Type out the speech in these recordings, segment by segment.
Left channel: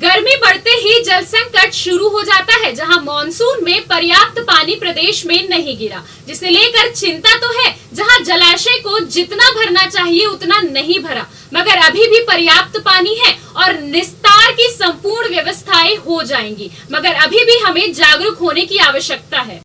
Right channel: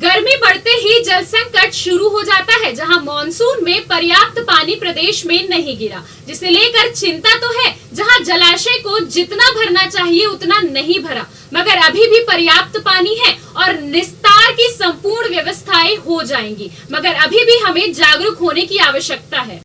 गर्मी बढ़ते ही जल संकट शुरू हो जाता है, जहां मॉनसून में पर्याप्त पानी प्रदेश में नहीं गिरा, जिसे लेकर चिंता तो है। जहां जलाशय को जितना भरना चाहिए उतना नहीं भरा, मगर अभी भी पर्याप्त पानी है और निस्तार की संपूर्ण व्यवस्थाएं हो जाएंगी, मगर अभी भी हमें जागरूक होने की आवश्यकता है।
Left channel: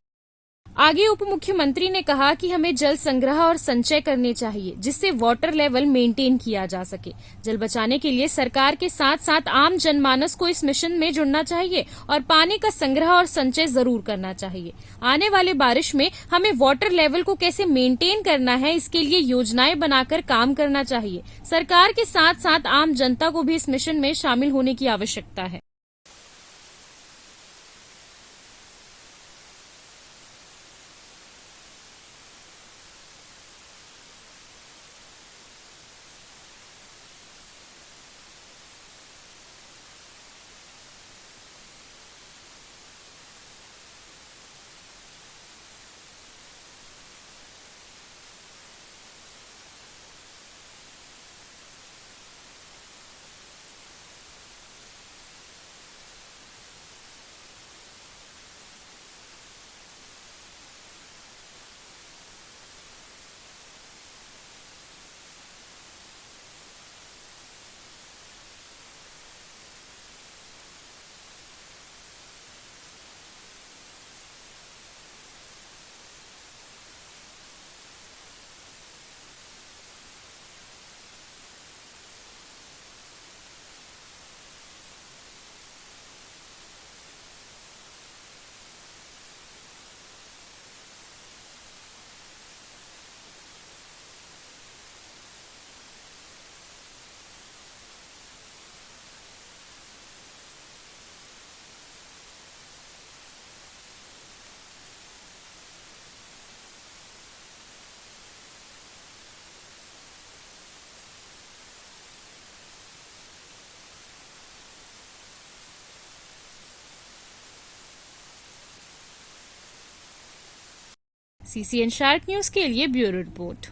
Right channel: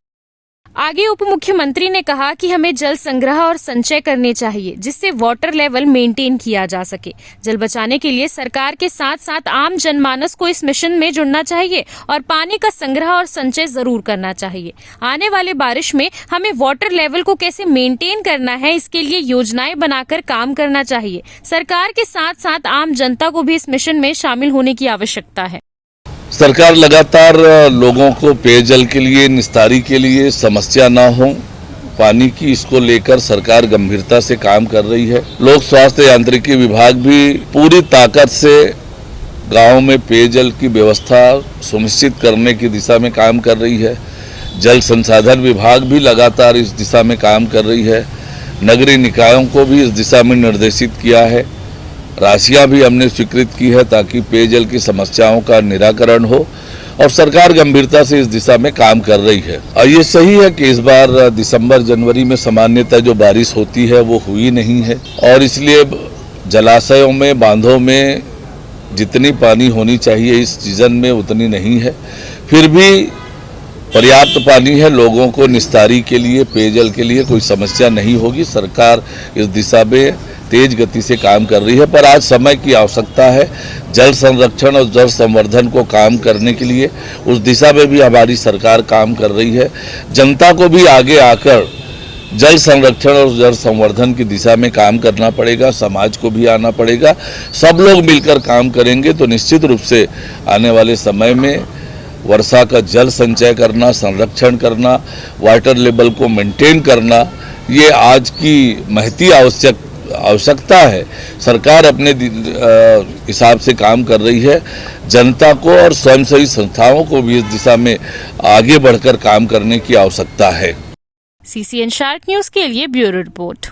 आगे उप मुख्यमंत्री ने कहा कि हमें जल संग्रह और संचय करने चाहिए, जिससे वाटर लेवल मेंटेन किया जा सके। जल बचाने के लिए सरकार के साथ साथ आम जनमानस को इस मिशन में जुड़ना चाहिए और पानी का संग्रह और संचय जरूर करना चाहिए। आने वाले बारिश में हमें वाटर लेवल को कैसे मेंटेन करना है, इसके लिए योजनाएं बनाकर काम करना चाहिए। सरकार के साथ साथ आम जनता को भी इस मिशन में शामिल होने की आवश्यकता है। सरकार लगातार लोगों को पेयजल के लिए, निस्तारी के लिए समस्या ना हो पानी की, इसको लेकर सरकार गंभीरता से काम कर रही है। लोक स्वास्थ्य यांत्रिकी विभाग भी पूरी ताकत से गांव में पेयजल की व्यवस्था सुनिश्चित करने की दिशा में काम कर रही है। जल संसाधन विभाग भी लगातार इस दिशा में काम कर रही है। नगरीय निकायों को भी इस दिशा में निर्देशित किया है। राशियां भी हमने स्वीकृत की है ताकि पेयजल की समस्याओं का निराकरण हो, और सरकार गंभीरता से इस दिशा में काम कर रही है। और ये सही है कि इस बार दिसंबर जनवरी में सामान्यतः जो बारिश होती है वो हुई नहीं है, और इसलिए जलाशयों में, बांधों में जितनी पानी होनी चाहिए इस सीजन में उतनी नहीं है। फिर भी पर्याप्त पानी है, लोगों को निस्तारी के लिए, पेयजल के लिए कोई समस्या नहीं होगी। सरकार इस दिशा में तेज गति से काम कर रही है, पर आज समय की आवश्यकता है। जल संरक्षण और जल संवर्धन को काम करने के लिए उस दिशा में भी हमारी सरकार काम कर रही है। जनता को भी आगे आकर जल संरक्षण और जल संवर्धन की दिशा में काम करना पड़ेगा, समाज को भी आना पड़ेगा। सब लोग मिलकर काम करेंगे तो निश्चित रूप से आने वाले समय में वर्षा का जल संचय करना, संरक्षण करना, वाटर लेवल को मेंटेन करना, ये आज की महती आवश्यकता है। सरकार अपने हिसाब से काम कर रही है। जनता को और स्वयंसेवी संस्थाओं को भी इस दिशा में आगे बढ़कर काम करने की आवश्यकता है। CCN शार्क न्यूज के लिए ब्यूरो रिपोर्ट।